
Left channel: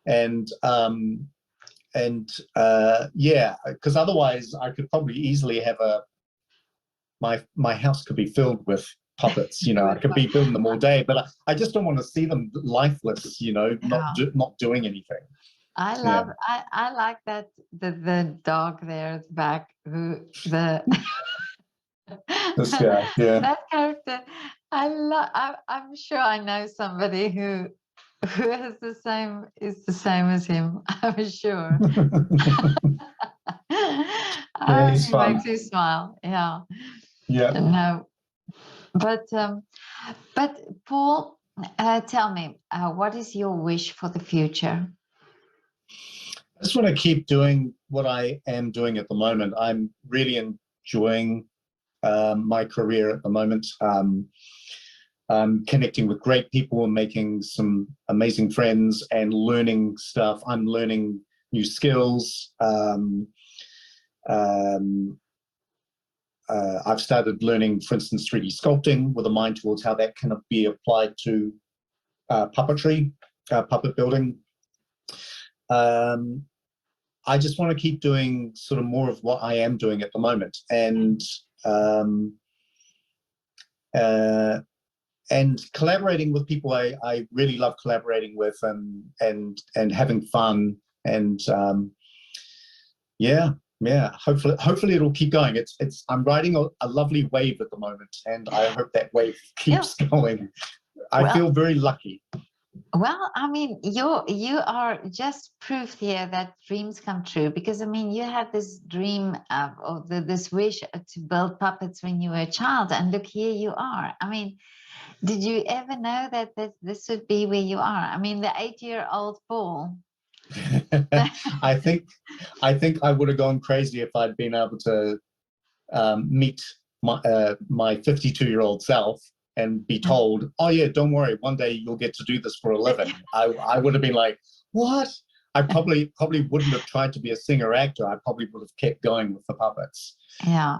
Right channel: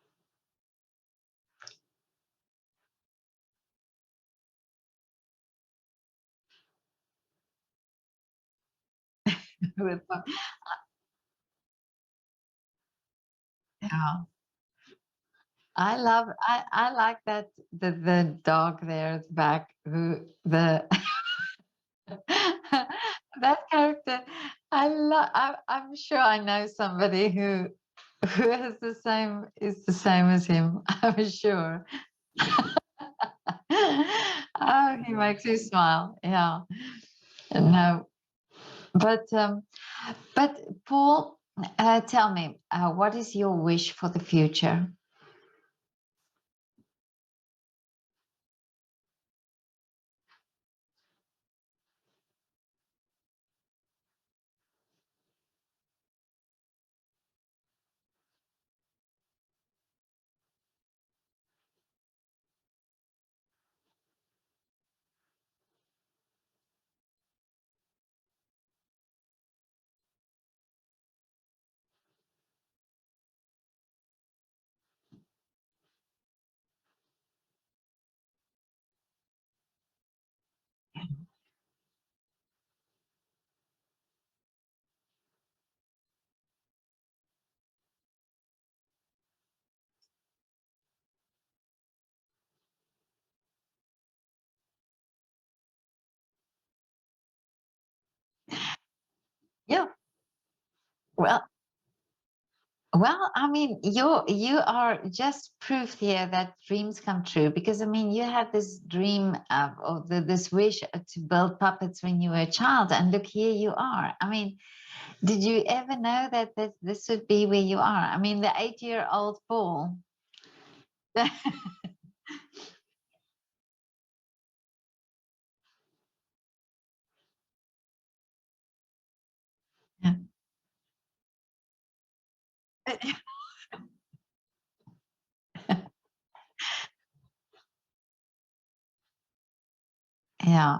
And because otherwise I could probably easily have my house could be filled with puppets, you know. I could be building them all day, but I just don't want to see them lifeless, you know, not doing anything. I like that the dog there at the back, this guy, that character. I'm sure I know somebody who has is the same as him. I'm sure. He makes you smile. Yeah. No, but Paul, tell me, what is your wish for the future? I just want to keep doing what I am doing at the moment. I'm really enjoying my career at the moment. I'm connecting with great people and making some amazing friends and learning stuff. I'm learning new skills. I've started learning, for instance, 3D sculpting with a mind towards how that can be applied to puppetry, puppet building. I just want to keep doing sort of more of what I am doing at the moment, and collaborating with people I really love collaborating with, and having fun, and yeah. Hopefully it'll keep going. I'm riding a lovely wave at the moment, and I hope that wave keeps going. I feel very lucky. Well, I mean, you are just proof here that dreams come true, because I mean, you had this dream this wish to build puppets when you were a child, and look, here you are. I mean, did you ever know that this would be where you are? I mean, the 8-year-old Paul. I think I would have gone crazy if I'd been able to meet my 52-year-old self and be told, oh yeah, don't worry, one day you'll get to do this for a living. I would have been like, what? I probably wouldn't have tried to be a singer actor. I probably would have kept going with the puppets. Yeah.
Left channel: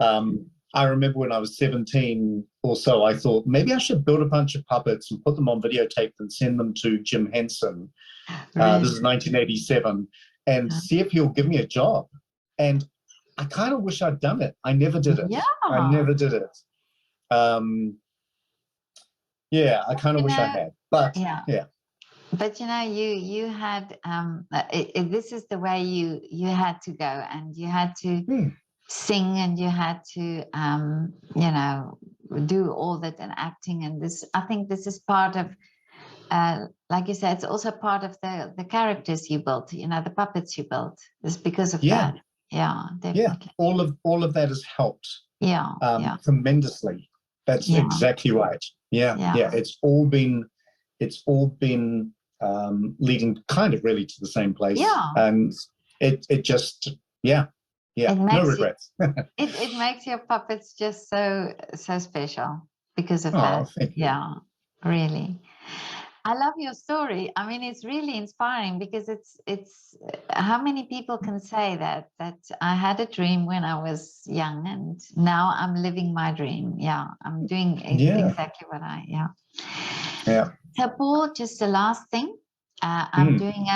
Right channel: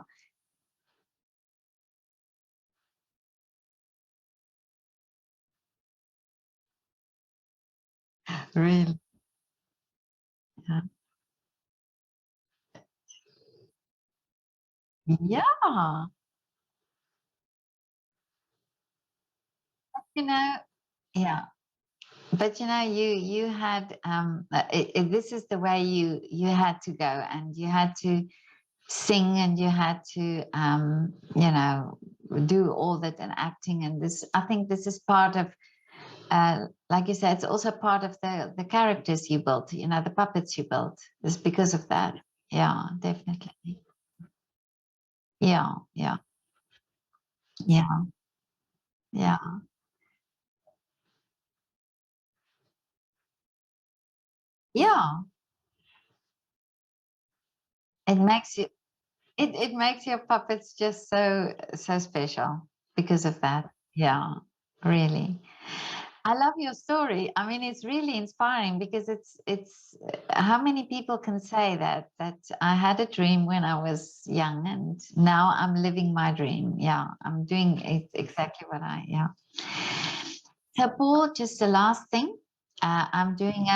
I remember when I was 17 or so, I thought maybe I should build a bunch of puppets and put them on videotape and send them to Jim Henson. Really? This is 1987, and see if he'll give me a job. And I kind of wish I'd done it. I never did it. Yeah. I never did it. Yeah, I kind of wish I had. But yeah. But you know, you had this is the way you had to go, and you had to sing, and you had to you know, do all that, and acting, and this, I think this is part of like you said, it's also part of the characters you built, you know, the puppets you built. It's because of that. Yeah, definitely. Yeah, all of that has helped. Yeah, tremendously. That's exactly right. Yeah. It's all been leading kind of really to the same place. Yeah. And it just it makes no regrets. it makes your puppets just so special because of that. Yeah, really. I love your story. I mean, it's really inspiring, because it's how many people can say that I had a dream when I was young, and now I'm living my dream. Yeah, I'm doing exactly what Yeah. So Paul, just the last thing, I'm doing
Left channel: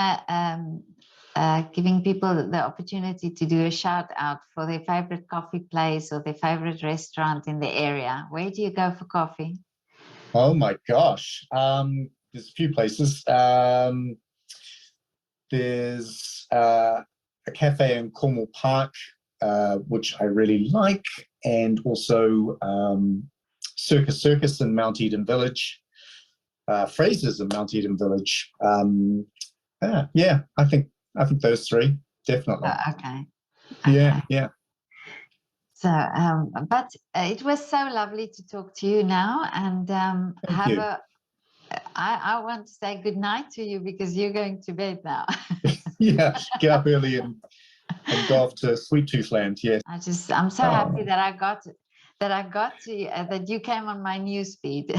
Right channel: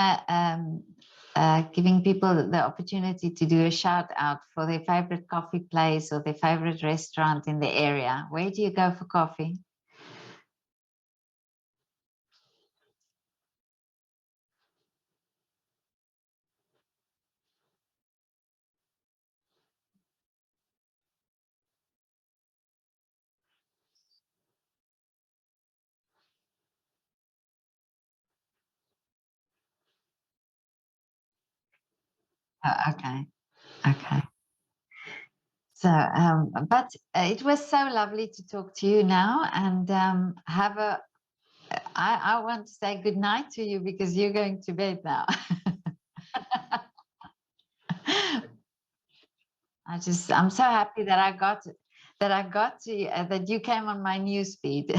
giving people the opportunity to do a shout out for their favorite coffee place or their favorite restaurant in the area. Where do you go for coffee? Oh my gosh. There's a few places. There's a cafe in Cornwall Park, which I really like, and also Circus in Mount Eden Village, Fraser's in Mount Eden Village. Yeah, I think those three, definitely. Okay. Yeah. So, but it was so lovely to talk to you now, and I want to say good night to you, because you're going to bed now. Yeah, get up early and go off to Sweet Tooth Land. Yes. I'm so happy that I got to that you came on my news feed.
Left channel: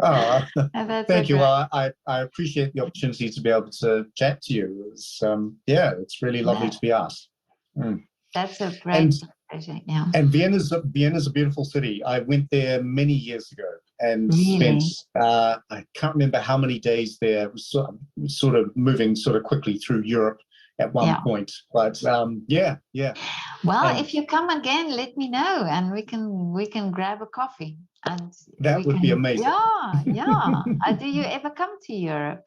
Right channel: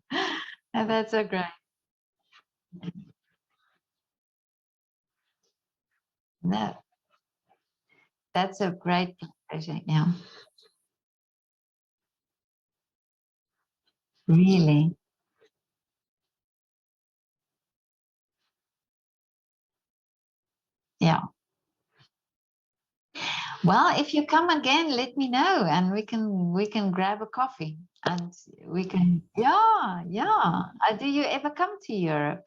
Thank you. Well, I appreciate the opportunity to be able to chat to you. It's really lovely to be asked. That's a great pleasure. Yeah. And Vienna's a beautiful city. I went there many years ago and really? spent I can't remember how many days there. It was sort of moving sort of quickly through Europe at one point. But yeah. Well, if you come again, let me know, and we can grab a coffee, and that would be amazing. Yeah. Do you ever come to Europe?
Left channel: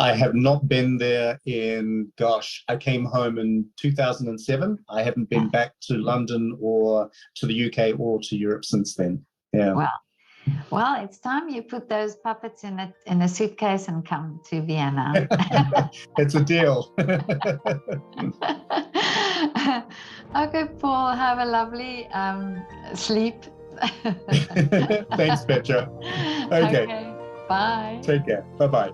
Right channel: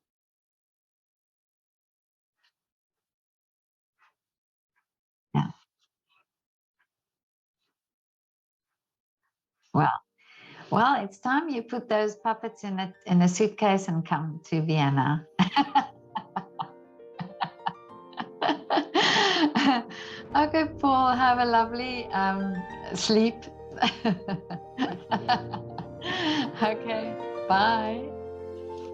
I have not been there in, I came home in 2007. I haven't been back to London or to the UK or to Europe since then. Yeah. Well, it's time you put those puppets in a suitcase and come to Vienna. It's a deal. Okay, Paul, have a lovely sleep. Thanks, Petra. Okay. Bye. Take care. Bye-bye.